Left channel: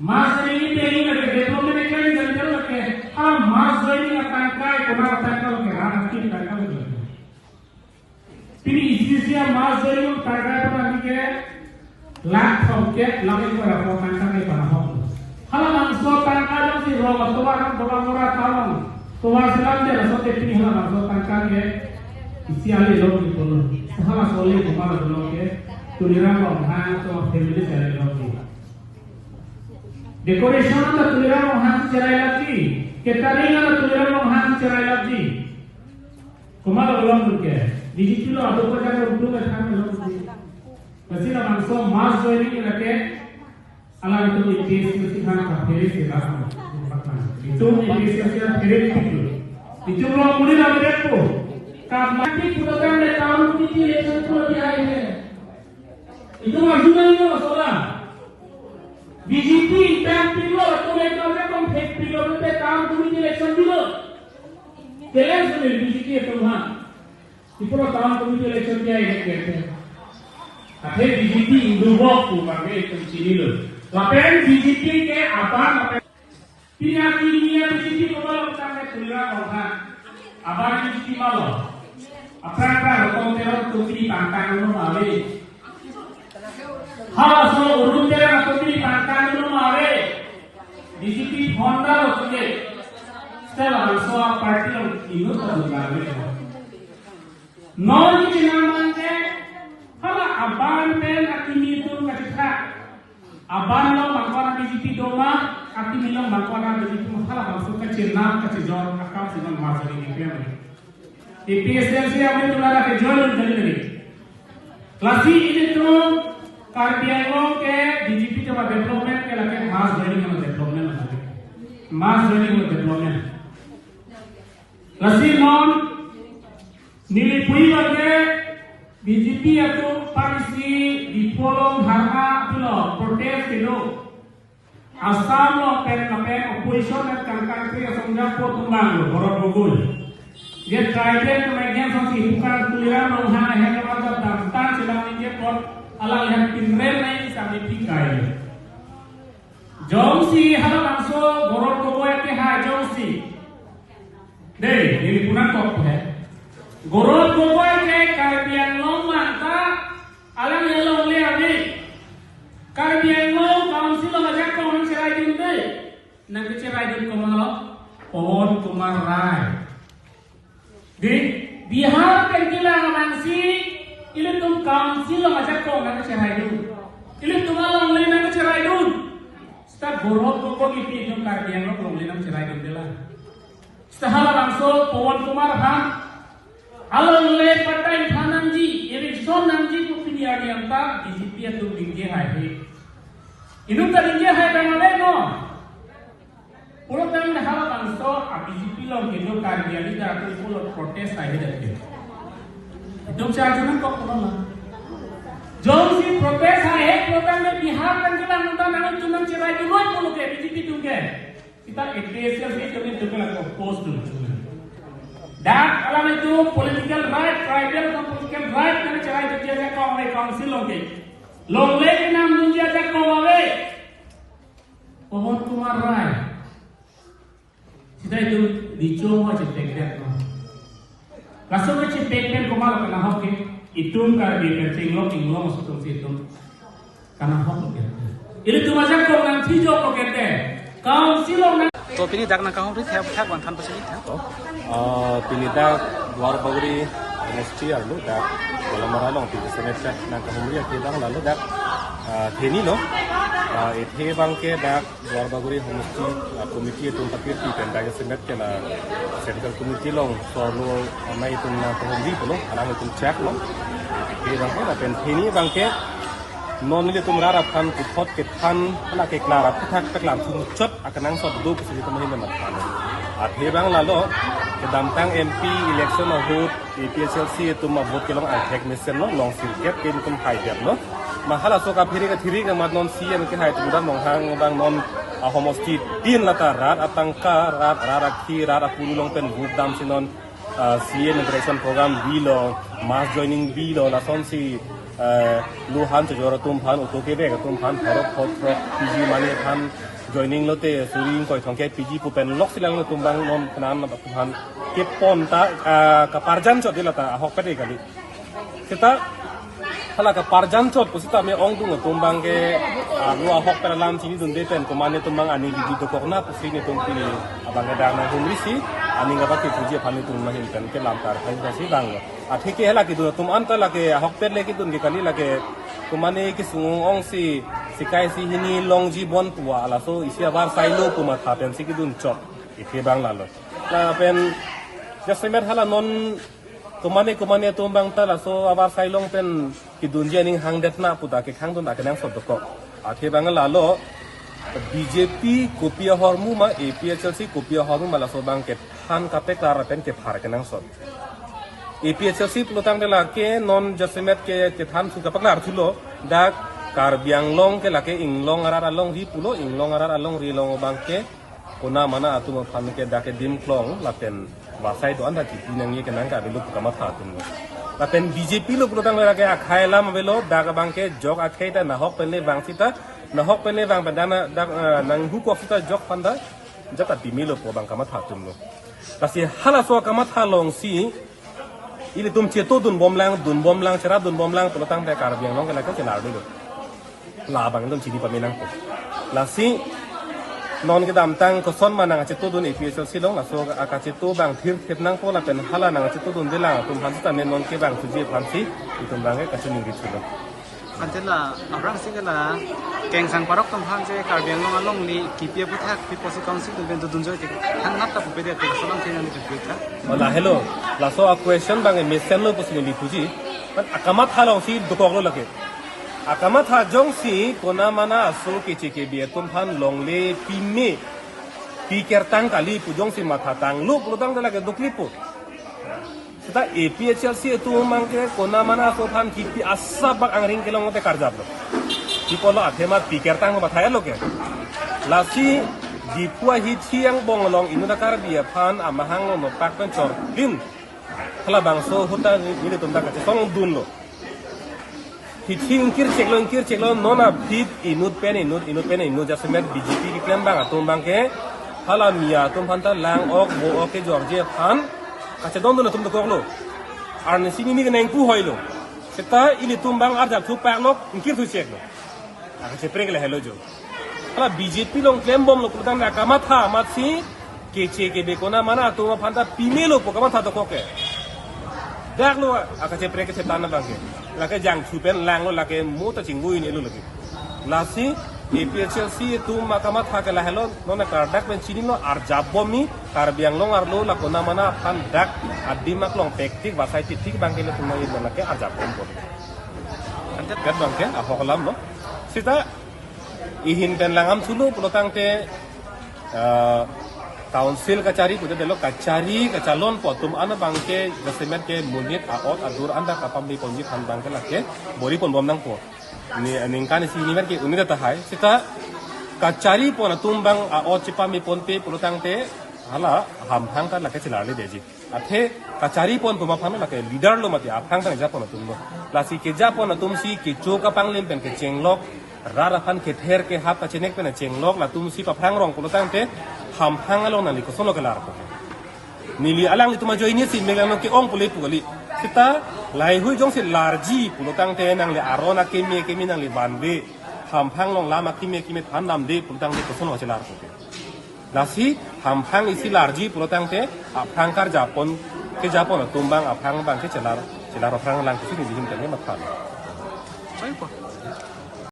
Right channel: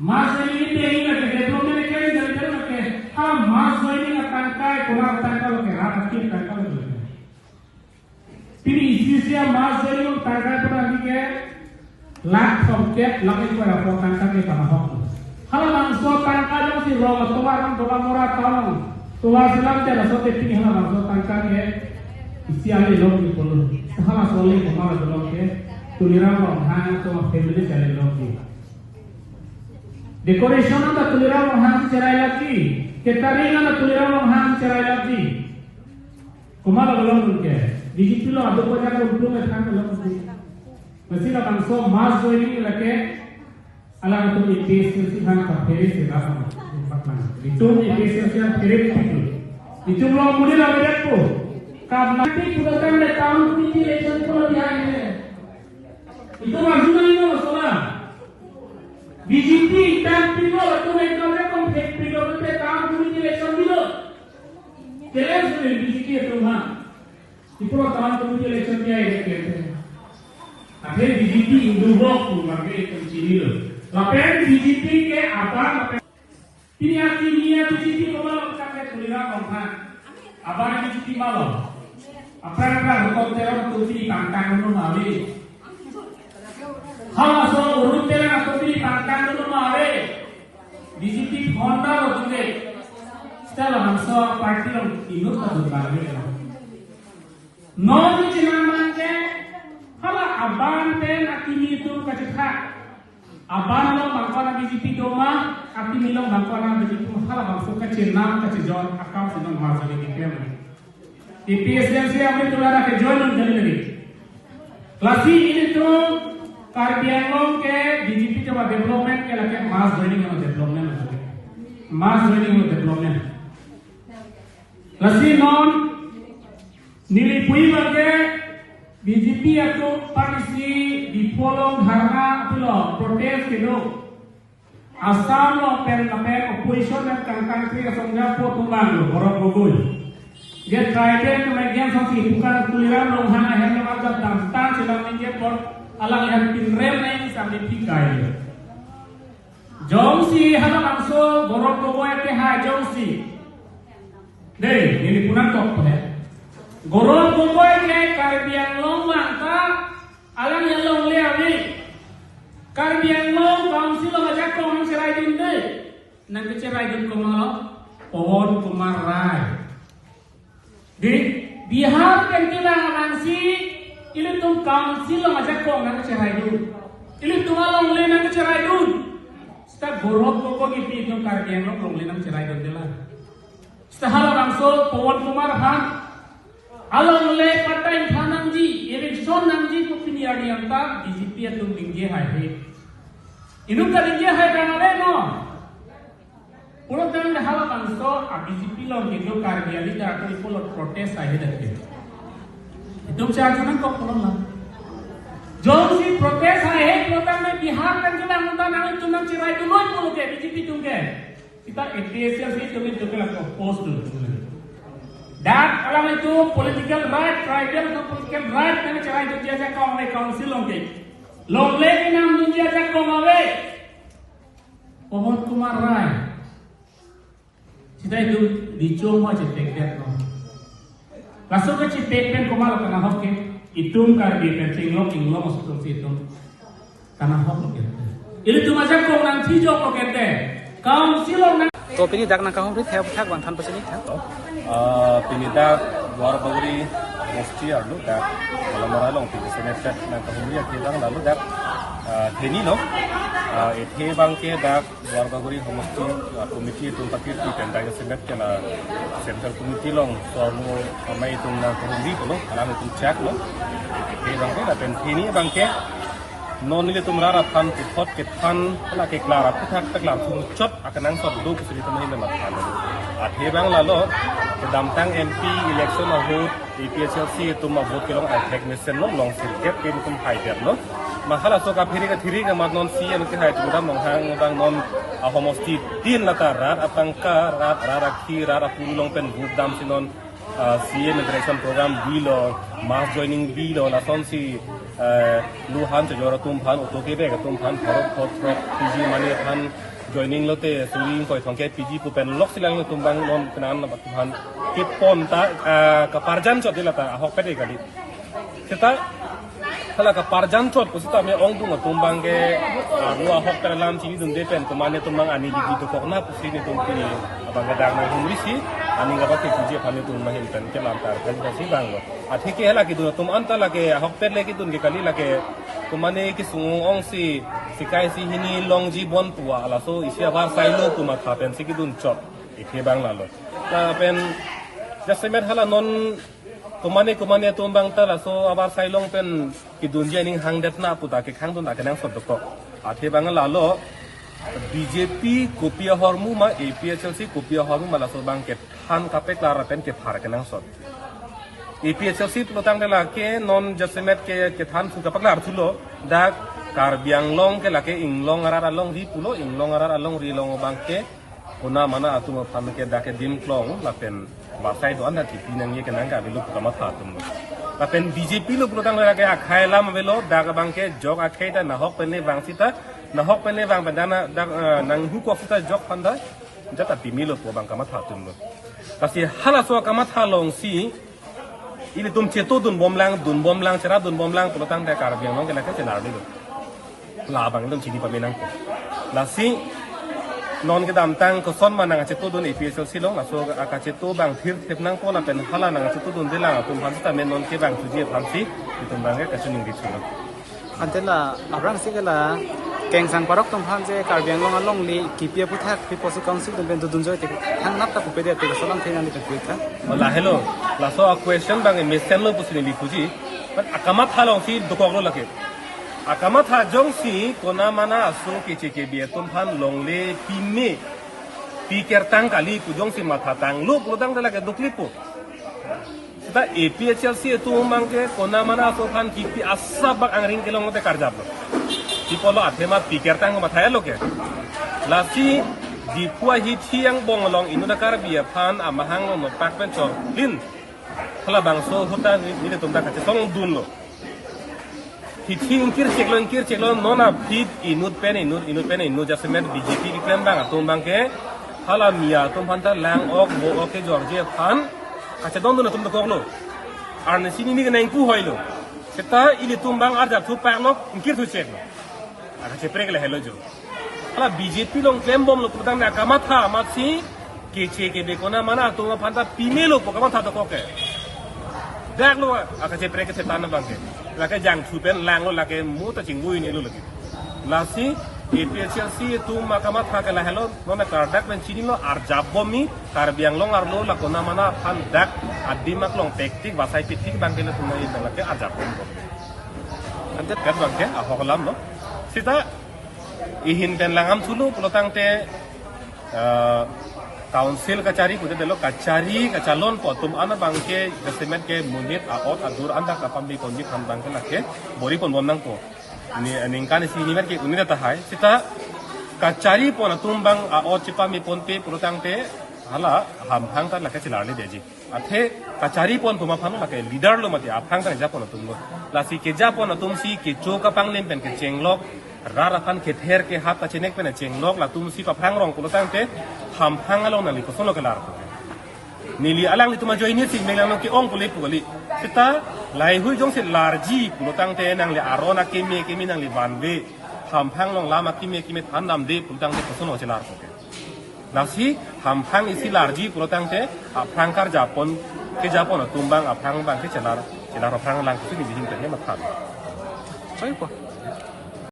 Mas ini pengen lagi development ini kan jadi lagi. Kalau mas ini tangkai kurang tangkai lagi rakyat kita tangkai lagi. Ini isinya mas ini tangkai kurang lagi. Lak songket lagi kurang apa tangkai itu apa? Kalau langsung tangkai yang si roh atau orang murah tahu. Tuan selam dia langsung tepung hal langsung tangkai ya. Isi alih lagi pun. Kalau soleh kemana tu lagi? Tuliran orang sama family cari lagi. Decoration atau tuliran orang cerai lagi, catering atau tuliran orang cerai lagi. Kemana belum mungkin? Di situ lo ada banyak untung yang belum mungkin. Masih lo bangsa mas joining lagi, alam itu IPS kan kafir sih lah. Itu IPS yang kiri itu. Itu lo mudi lagi tu. Karena itu program tahun ini election kalau dia ini. Itu majunya itu masalah. BJP dan Pilo itu mereka konflik Pilo itu tahun ini election dulu. Jelas sudah BJP itu mah. Itu tahun ini election dia ini. Akhirnya BJP berubah sebagai itu civil. Tapi BJP ke apa? Pihak kimia BJP kalau sampai kelihatan orang. Apa BJP malu? Apa kalau teror tuti tangkang itu malu. Kalau soal urut teror tuti tangkang itu malu. BJP Honda loh tu. Setelah masuk parti lo itu terus malu. Non itu namanya. Kalau aban pen akimi itu kasih hak. Aban lo bangkuan BJP doma, akimi lo bangkuan BJP kalau bangsu kecil nam kecil jon akam sedang masuk di klaim. IPSMC अपने तुलारा के join करने लगे। Classy ini tuh कार्बियांगों के BJP जब development के लगे mass joining में development होते हैं। mass joining में development। Classy non nilipui lagi BJP itu parisi di polong dharma itu loh protest itu. Asam lo pen opposition dan country asongnya potumbang lo orang bogul. Dia trident kemudian sampai bukan tuliran longhang yang kemarjab damtan sedang dia pun alang lihat pinrem ini sampai tikai. Jongsi hana bangso gorok gogoy ke hai jongsi. Deh, ini punan kok ya. Gorok gogoy ke karbiang long mata alang yang long liawi. Karbiang long council lo ngajak kau nang cerai dun deh. Nang cerai dun komalo pohon kumar rai. Di Bihar pengilang mangsi ilu tum council lo ngajak kau nang cerai dun. Ilu tum along le nang cerai dun. Setiap gorok gogoy gitu tum karbiang long le nang cerai dun dela. Setelah langsung pohon kumar han along le patai thanangji election nangji ko piniari anta BJP itu dingge hai he inu ka dingge hai banale no pulo tang hala bangso a BJP lo gitu karbiali da ko pulo protest hai dakhe itu charjunan ko pulo la jom si protest hai he pulo tang me Bihar kan jula munda nang tunang cirai dulu pulo ke BJP tungge kita APSL se jome jogela ko post dulu dan alam itu political right, tribal dan political right kan cerai itu dia kau oleh council longke. Longle ke nam dia kau mawe. Pohon kumar rai. Kita itu dicuma cetek dek no. Langsung ke cetek pen kumal kana hokke. Itum kar di percing lo inglo masuk situ. Kana hokke. Ini tu macam kau nang cijo kau kete. Council orang. तो पिनी दाग ना कहूँ रिथ है था गंथन पसंद था पिनीता द्वार बगरी मस्ती आलू दा kalau maralo ti bisnes na kahumi at lang lalo da theni no ethe bangke da द्वार बगरी मस्ती committee itu tapi ti pendang singat kana central committee long so no mai tung na kahumi no ana tung check no ke bangke da pen theni bangke non nilai tu merara kan putot ketan nak keklara putak teklar suncut akan nang sabdu kesini kemana memang kalau akhirnya lalu kedampang MP election vote APSLC itu mau vote kelong attack mission non long suket tim kum hider non mahal asok akhirnya kethiri ke non si yang ke hider kita menghang bang non homosti tin latarat atangka rat akhi rat apulu long pen group dam sinon CA migration program bilo mass joining bilo lason si Luhan juga tumpan untuk kita ke tumpan harap pot PG mani kan joining lo te suri koi thongke PG pupen lok silang lo tumbang non kenan na tuhan ke pon ta ka parjan chot dilata ahok pede kali kita hala ka parjan chot ko sita me ong dung tumbang ke lo ahok per lam sini dun de pen kumane tumbang ani di ko kokna pusi ne tumpi abang gadang na humri si ani ngaba ke puji phani tum na hin kan ke lam tar kan si bang lo athi ke hala ki du tum anta la ke ahok per le ki dun ke kali la ke kumane ki sung ong si sikai si hini long ji bon tua ala so isia war sai lo kuma tha pen si ki dun chot ite bang la lo na pen jasemet hala non kumane tumbang ta la so abar sai long pen ki dun je ning hang det na puta ke khang dun da ke nang sot ko ate bang la lo BJP kopia hormu ma APHLC kopia hormu ma la so bang ke phan ka pe klar pen ke phar ke nang sot APHLC plotang de la ke non jasemet ke than su ka pakla arthulo da tar biang long ke la ke ing long ara long ri pulo ing long ara long ri long bang ke kona mana atu ma phan ke da ke dim klong la pen ba sai do anda ti nang ye ke nang ka lu ka ma pha tum la pen BJP lo plotang de la ke akhai lam velo da ka bang ke jog akhai ta na hok pen ne bang sita na hok pen ne bang bandana da nang hu ko sita jog panda jata bimilo po bang ka ma pha tum lo kasi hala so ka ma tha long si ini tum ceto dun bom lang cara dun bom lang kalau tang dekar biang long kena kau celar dulu labang dun sini pemenang tu lasi non ke dam tang ko son mana ceto dun APHLC silong laso aka ceto bang thir thep nang ko la pen hala nang ceto dun dela tum han ta men non ke bang suje phamsi tum bang ke kasin ngi thilo antela abrang sigala keng sang parok tom han je karbiang long along li kipia puthak pi posi council tum ben dun joy te hang nap ta pupede te salam thena ni pe ka hola hello laso a question bang e mesen lo pusi li puji but akamat halong si dokok lo lake akamat ha jong si kona mana aso ke cheke bia tum han long le pime pi kertang kali pu jong si matha tang lu prodang de lake dokli pu ta APHLC itu mangke kona mana aso han kipi asabak angring kelong te karjap lo di polo athema pikir tang ma thai lo ke lasi di pua hi thiang bong long inu da kar bia phan amahang no pak pen chor bin khala bang so hota ni de tum da ka song dun lo hi thing kir chek lo no na fit inut pen inu jasemet BJP ki plan bang tum bang ke khala mia tum phan ta lang ok bo ok ke george phan ka che don no tum da ko lo an sini mi ke nang ku hoi lo seta ili tum bang ar ja thu pak lo kir thu chek lo aku cepre ke hello jo kalau BJP long claim bom lo putang na kamat ha matsi kece ke de kona mana tu phanta pime lo ko kamat ha to ko ke dak lo aku cepre ke setan na bang la ke jang thu pen lang lo la ke mu ta chingui ni lo lagi lasi APHLC tu makamat ha ke la hello no na kar dak pen chini lo ar jabbomi kar biang long ar lo la kona mana phan dak adi mak long tektik basai tik bang ke lo tu nang la ke ar jabbom ko ante pet bang ke aku kalam lo sita ihin pen langam sulu pelotang te council kacari kude belo kacari kacalon potum ana bangke government ke munit aot adur anda kapam di ponji kan bangke lake bori pon bom nang po ni aningkan si ni ke unida ta hai sita kacari pon tumbang aot chipa mi ponte pelotang te hala ham hang ta lake chilale deji athe kacari pon tuma phano lake leader lo mate aphang ta japon tumlo lasi ke japon tum si ke choka panglim pen ke chenglok rara phan ke ther ke hap pachinek pen chenglok la tum si pa phang rong kulo tang te ham phang lo na li ko solo ke lar ko nili alang tuma join ni si melang ke ong puli puli kita lai hu jong si larji kulo tang te nang le arona ke mi nang li banwe ham phang long lama ki me than nam de kulo tang te ko solo ke lar ko lasi ham isi larji pulotang te aphang kar japon ke japon tumbang aphang bang ke celar phang lang ke di jing te ma kham choi po